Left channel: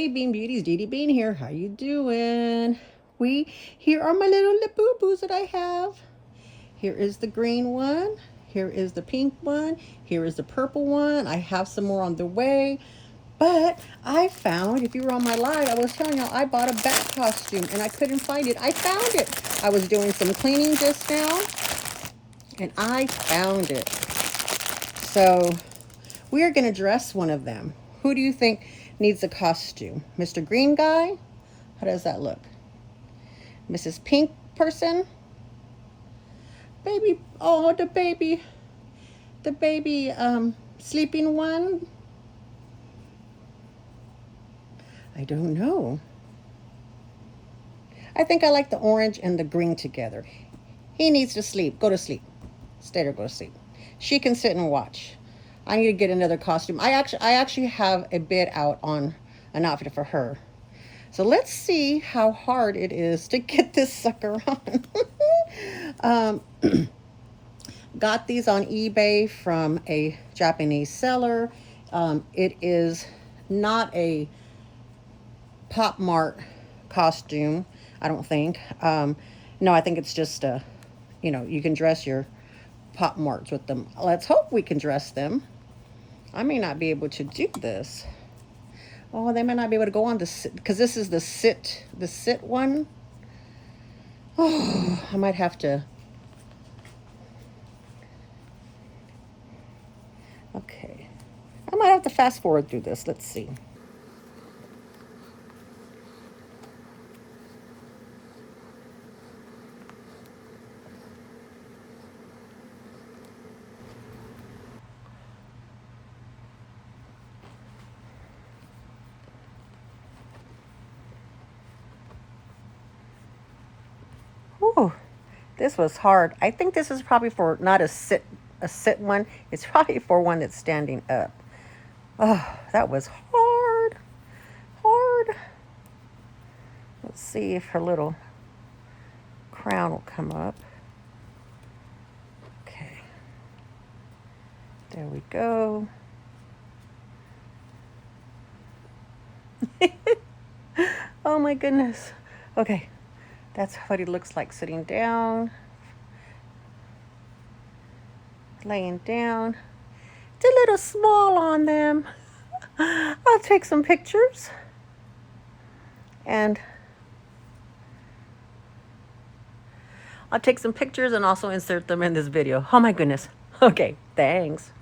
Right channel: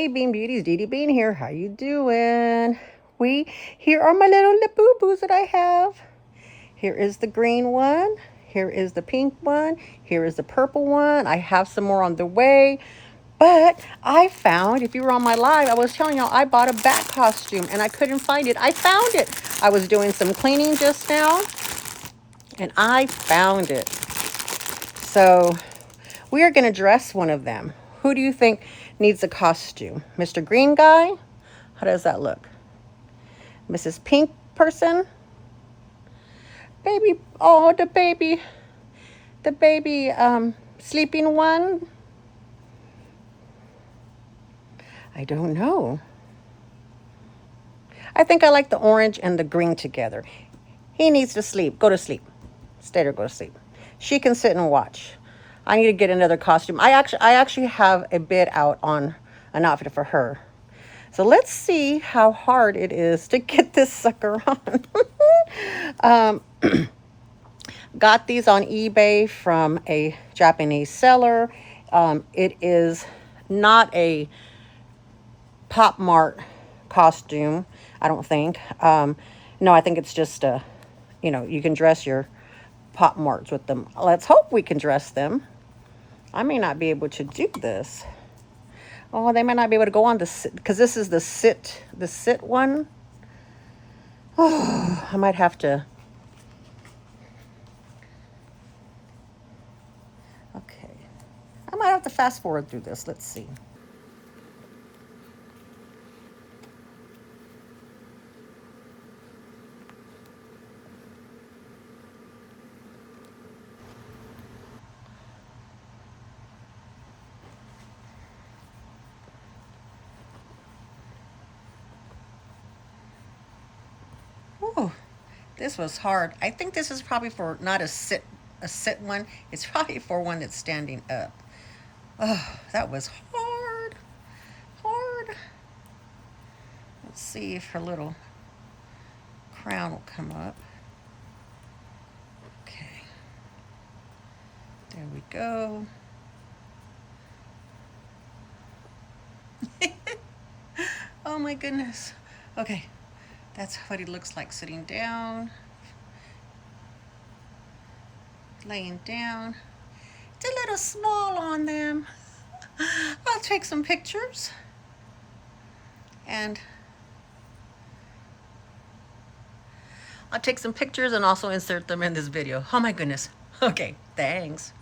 Hey Bean Beauties, Dee Dee Bean here. How you doing? Here are my little Labubus that I have. Here is the green one. Here is the pink one. Here is the purple one. I have some more on the way. But I found, if you were on my live, I was telling y'all I bought a bat costume and I couldn't find it. I found it. I was doing some cleaning just now and I found it. So we are going to dress one of them. Who do you think needs a costume? Mr. Green Guy? How does that look? Mrs. Pink person? Baby, oh, the baby sleeping one? I don't know. I think I like the orange and the green together. He needs to sleep. Go to sleep. Stay there, go to sleep. She can sit and watch. I need to get another costume. I actually have a bid out on an outfit for her. So let's see how hard it is to get this sucker on. Got these on eBay from a Japanese seller. It is not a Pop Mart costume, I don't think. No, I think it's just a, you can dress your Pop Marts with them. Let's hope we can dress them. I may not be able to do this. Oh, they may not be able to go on the sit, because this is the sit one. Oh, I might have to. Okay. I might have to fast forward through this. Let's see. Oh, this was hard. I think this is probably for not a sit one. It's probably for one that's standing up. Oh, that was hard. Let's see if her little crown will come up. Okay. There we go. Oh my goodness. Okay. That's what he looks like sitting down, laying down. It's a little small on them. I'll take some pictures and also insert them in this video. Oh my goodness. Okay, thanks.